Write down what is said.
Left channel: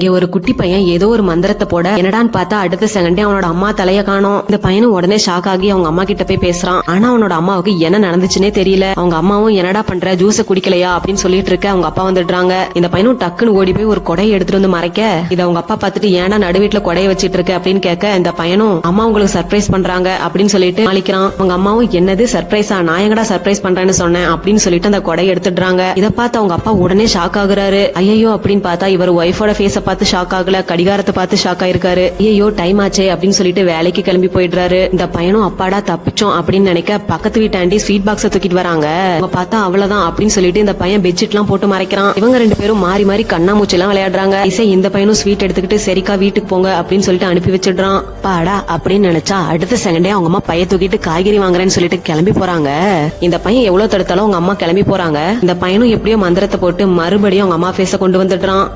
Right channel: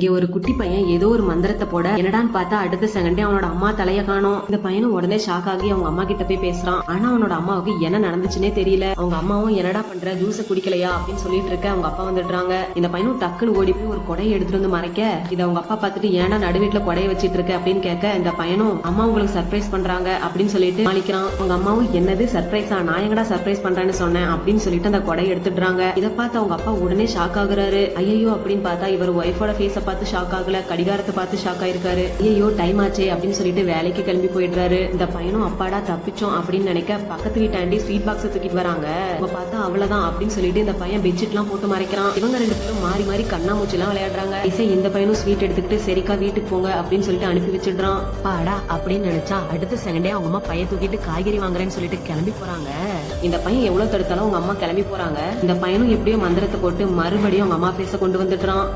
இங்க ஒரு குட்டி பையன் ஏதோ ஒரு மந்திரத்தை போட என்னடான்னு பார்த்தா அடுத்த செகண்டே அவனோட அம்மா தலைய காணோம். இந்த பையனும் உடனே ஷாக் ஆகி அவங்க அம்மா கிட்ட போய் பேசுறான். ஆனா அவனோட அம்மாவுக்கு என்ன நடந்துச்சுன்னே தெரியல. அவங்க அம்மாவும் என்னடா பண்ற, ஜூஸ குடிக்கலையா அப்படின்னு சொல்லிட்டு இருக்க அவங்க அப்பா வந்துடுறாங்க. இந்த பையனும் டக்குன்னு ஓடி போய் ஒரு கொடையை எடுத்துட்டு வந்து மறைக்க இதை அவங்க அப்பா பார்த்துட்டு ஏன்னா நடுவீட்டுல கொடையை வச்சிட்டு இருக்க அப்படின்னு கேட்க இந்த பையனும் அம்மா உங்களுக்கு சர்ப்ரைஸ் பண்றாங்க அப்படின்னு சொல்லிட்டு நாளைக்கிறான். அவங்க அம்மாவும் என்னது சர்ப்ரைஸா, நான் எங்கடா சர்ப்ரைஸ் பண்றேன்னு சொன்னேன் அப்படின்னு சொல்லிட்டு அந்த கொடையை எடுத்துடுறாங்க. இதை பார்த்து அவங்க அப்பா உடனே ஷாக் ஆகுறாரு. ஐயோ அப்படின்னு பார்த்தா இவர் ஒய்ஃபோட ஃபேஸ பார்த்து ஷாக் ஆகல, கடிகாரத்தை பார்த்து ஷாக் ஆயிருக்காரு. ஐயோ டைம் ஆச்சே அப்படின்னு சொல்லிட்டு வேலைக்கு கிளம்பி போயிடுறாரு. இந்த பையனும் அப்பாடா தப்பிச்சோம் அப்படின்னு நினைக்க பக்கத்து வீட்டு ஆண்டி ஸ்வீட் பாக்ஸ தூக்கிட்டு வராங்க. அவங்க பார்த்தா அவ்வளவுதான் அப்படின்னு சொல்லிட்டு இந்த பையன் பெட்ஷீட் எல்லாம் போட்டு மறைக்கிறான். இவங்க ரெண்டு பேரும் மாறி மாறி கண்ணாமூச்சி எல்லாம் விளையாடுறாங்க. இசை இந்த பையனும் ஸ்வீட் எடுத்துக்கிட்டு சரிக்கா வீட்டுக்கு போங்க அப்படின்னு சொல்லிட்டு அனுப்பி வச்சிடுறான். பாடா அப்படின்னு நினைச்சா அடுத்த செகண்டே அவங்க அம்மா பைய தூக்கிட்டு காய்கறி வாங்குறேன்னு சொல்லிட்டு கிளம்பி போறாங்க. இந்த பையன் எவ்வளவு தடுத்தாலும் அவங்க அம்மா கிளம்பி போறாங்க. இந்த பையனும் எப்படியோ மந்திரத்தை போட்டு மறுபடியும் அவங்க அம்மா ஃபேஸ கொண்டு வந்துடுறான்.